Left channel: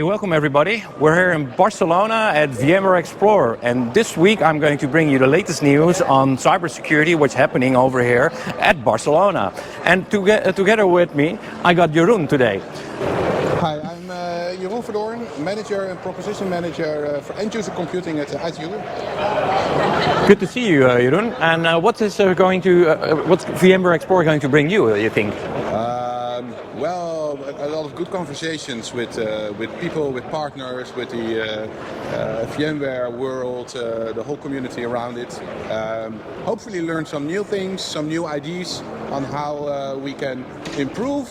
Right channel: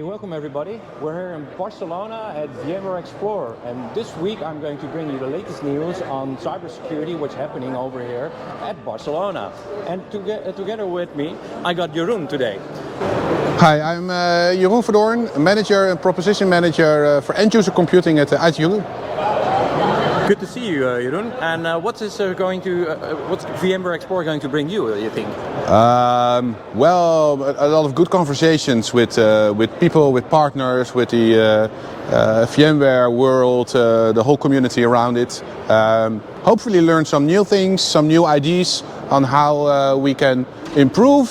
Hey, welcome everybody. We're here in Barcelona at VMware Explore, and this week I'm going to bring you the latest news on cybersecurity, what's happening over here at Barcelona. And together with me, I got Jeroen today. Hi, I'm Jeroen Verdoorn, manager and proposition manager for end-user computing at ITQers. Good to see you, Jeroen. And what's VMware Explore going to bring you think? Well, a lot of good conversations with people, with partners, with the VMware world, the whole community around it. Hopefully learn some new things, some new ideas on how we can improve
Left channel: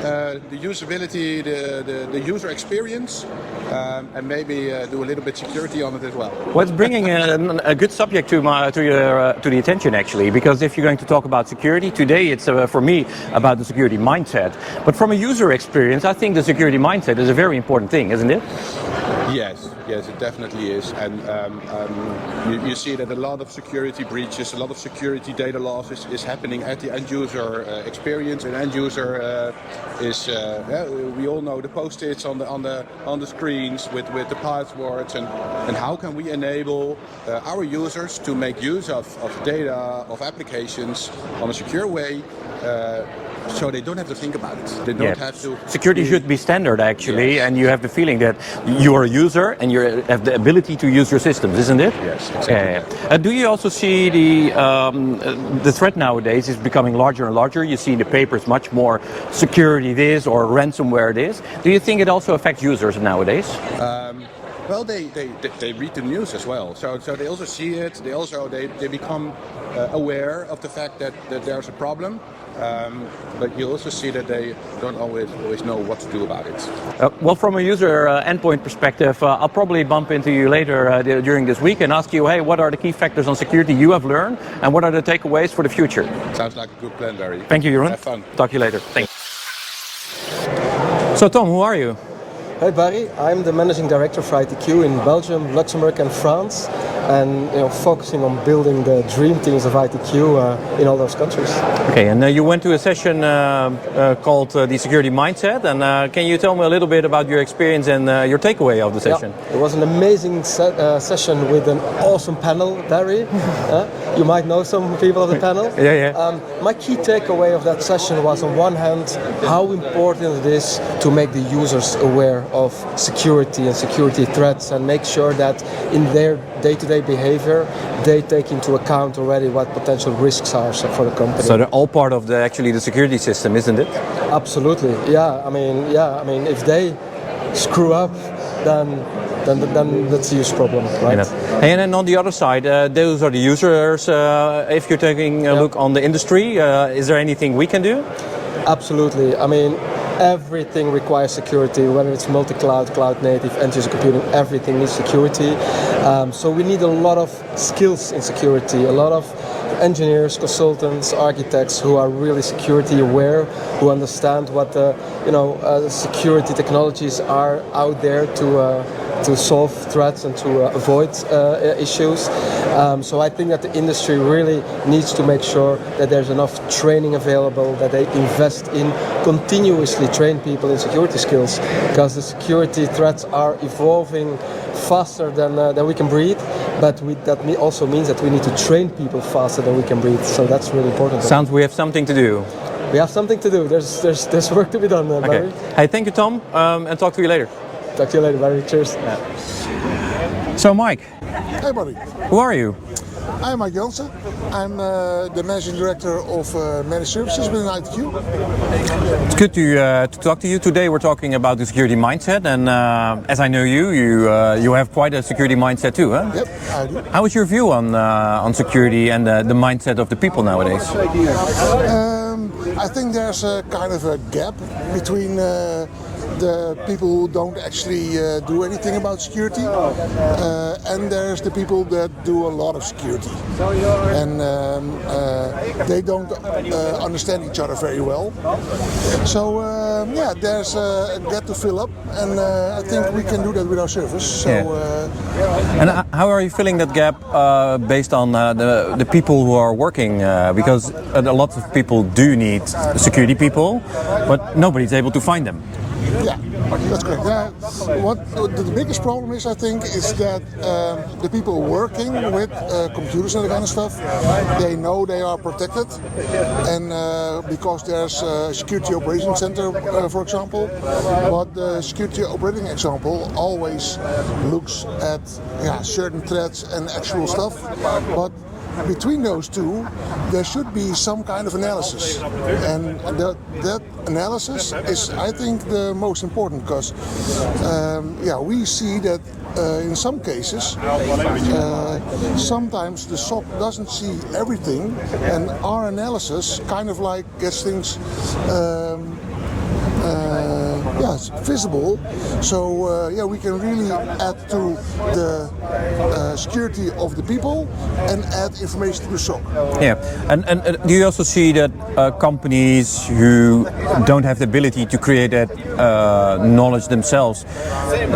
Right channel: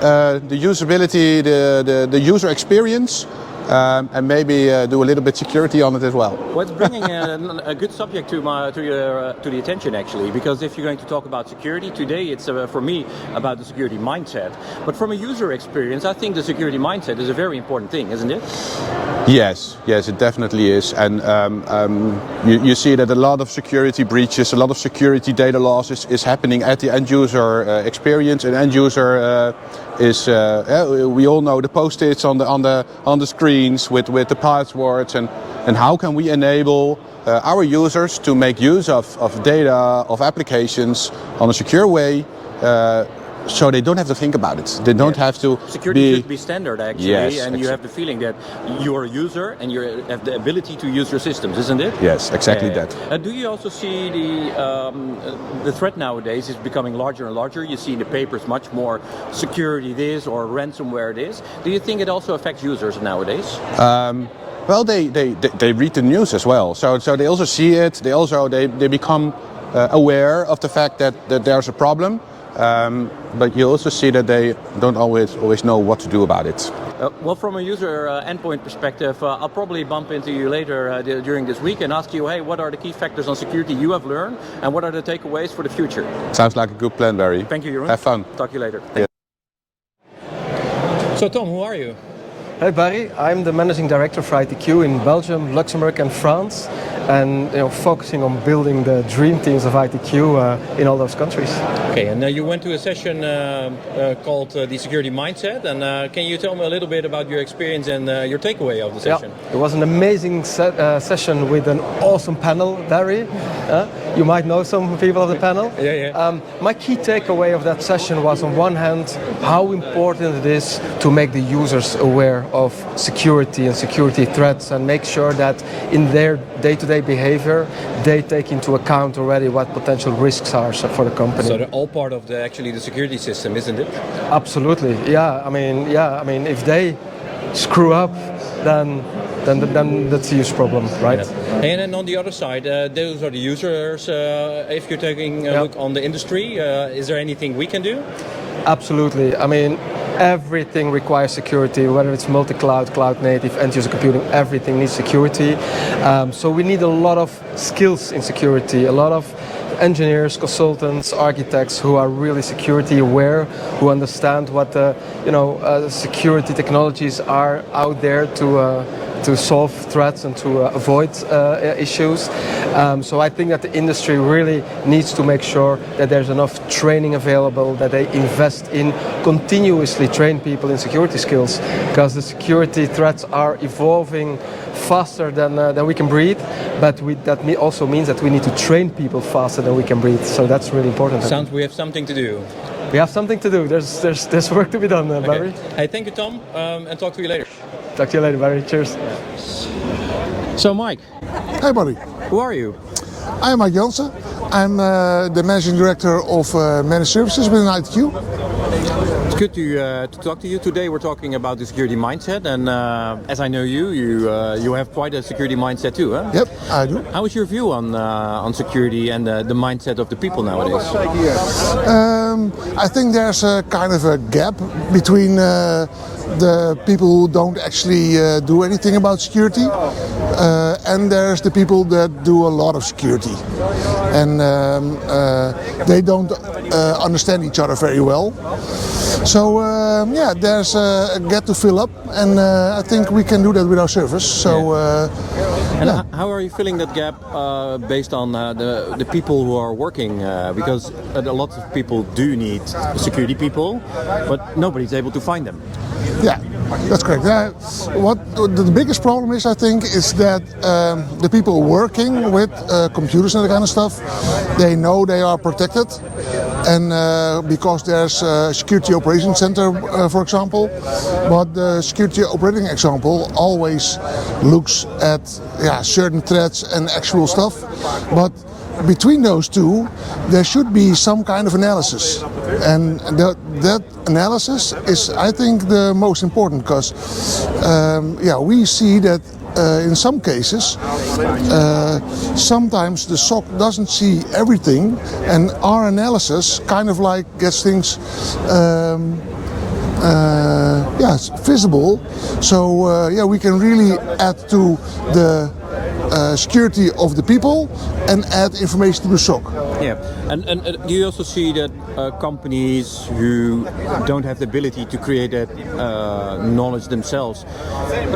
the usability, the user experience. And maybe do a little bit security on it as well. What's bringing a good subject to the attention actually, because if you're going to talk about security today, it's for me about the security mindset. But from a user experience, I think the security mindset is a very important thing, isn't it? Yes, it definitely is. And you see that a lot of security breaches, a lot of security data loss is happening at the end user experience. And end user is we all know the post-its on the screens with the passwords, and how can we enable our users to make use of data, of applications on a secure way, so they don't have to think about it. They don't have to. Security should be standard actually, yes, and you have the feeling that you're a user and you have the ability to use your systems, isn't it? Yes, exactly that. Do you also see the threat nowadays is becoming larger and larger? You see the papers much more security this or ransomware this. Do you think it also affects users nowadays? Well, they read the news as well, so they also see it. They become aware of the fact that there's a problem. But you also see that they don't always know what to do about it. Well, from a user endpoint perspective, I'll probably bump into you later during this week and ask you, hey, what are the key factors on security you have learned and what are the takeaways for the future? Sounds like a good plan, Barry. Thank you, Jeroen. Have fun. Talk to you later. Thanks. So, Tom, who are you? Hi Barry, I'm the Managing Director for ITQ in Belgium, Luxembourg and France, and focusing on building the dream teams of ITQ in all those countries. Okay, and you went to a session called the Security Mindset, and can you tell me a little bit about your experience and your takeaway of the session? Yeah, it was an amazing session with an awesome panel, Barry. You might know some people of the panel. Yeah. My key takeaway of that session was, on one hand, how important it is to make the users aware of security and security threats and make sure that in their day-to-day behavior they take into account already what potential risks are for the company. So they're all part of the security system, isn't it? Absolutely. Yeah. I mean, if they screw up, then that's a huge problem, right? Yeah. And then on the other side, those are the users. If you're taking a look on the industry, is there anything we can do? Absolutely. I mean, everything requires security, whether it's multi-cloud, cloud native, end-user computing, everything needs security. So we need a lot of skills in security, a lot of engineers, consultants, architects who are really security aware, who understand what the security technologies are out there to solve threats and to avoid issues. So I think that the industry really needs to make sure that there's enough training available, that they invest in continuously train people in security skills, because the security threats are evolving faster than we can breathe, but that also means that we need to train people faster than we can breathe. So that's really important. Sounds we have something to do. We have something to do. There's work to be done, Barry. Okay. Hey, thank you, Tom, and talk to you later. Talk to you later, Barry. Cheers. So, Mike. Hey, buddy. Who are you? I'm Mike Jansen. I'm the Managing Director of Managed Services within ITQ. It's good to talk to you. Today we're talking about the security mindset, and as I know you have quite a security mindset too, huh? Yep, I do. How is your view on security and the mindset of the people nowadays? I think there's a kind of a gap between the people who don't actually do anything about security, and there's the people that do a lot of security, and they don't understand each other very well. So yeah, there's a gap to fill up, and I think we can do that with our service. So and how are you filling that gap based on the people who are working? Because a lot of people do need security people, but nobody's able to find them. Yeah, that's correct. What the biggest problem is, I think, is that the people working with computers and that kind of stuff, they know they are protected, and because there's a security operations center, for example, but the security operating example always looks at certain threats and actual stuff, but between those two, there should be some kind of analysis, and that analysis is, I think, the most important, because we see that in some cases, sometimes the SOC doesn't see everything, and our analysis kind of like gets things visible. So we can really add to the security of the people and add information to the SOC. Yeah, and do you also see that companies who don't have the ability to create that knowledge themselves,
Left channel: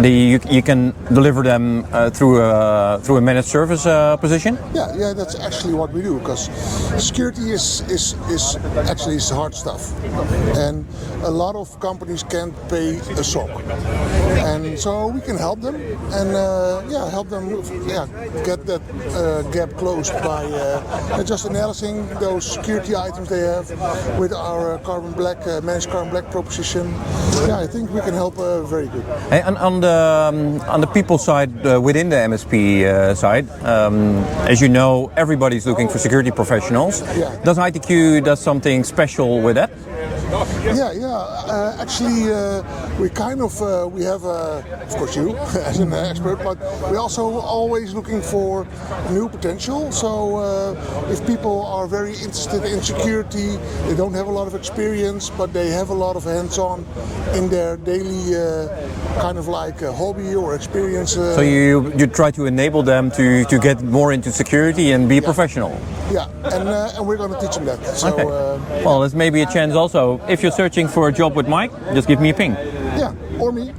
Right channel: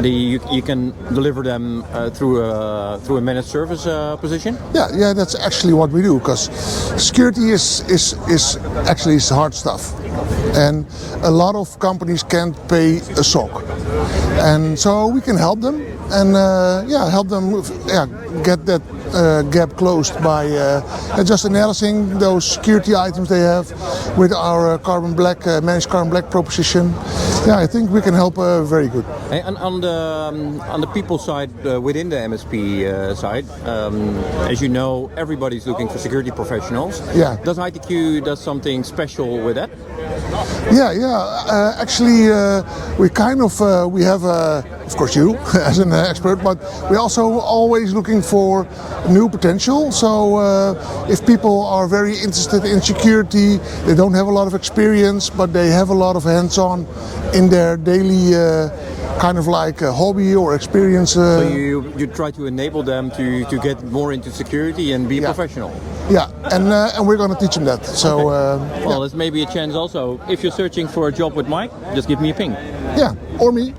you can deliver them through a managed service position? Yeah, that's actually what we do, because security is actually hard stuff, and a lot of companies can't pay a SOC, and so we can help them and help them get that gap closed by just analyzing those security items they have with our managed carbon black proposition. Yeah, I think we can help very good. Hey, and on the people side, within the MSP side, as you know, everybody's looking for security professionals. Yeah. Does ITQ do something special with that? Actually, we kind of we have, of course, you as an expert, but we're also always looking for new potential. So if people are very interested in security, they don't have a lot of experience, but they have a lot of hands-on in their daily kind of like a hobby or experience. So you try to enable them to get more into security and be a professional. Yeah, and we're going to teach them that. So well, there's maybe a chance also. If you're searching for a job with Mike, just give me a ping. Yeah, or me.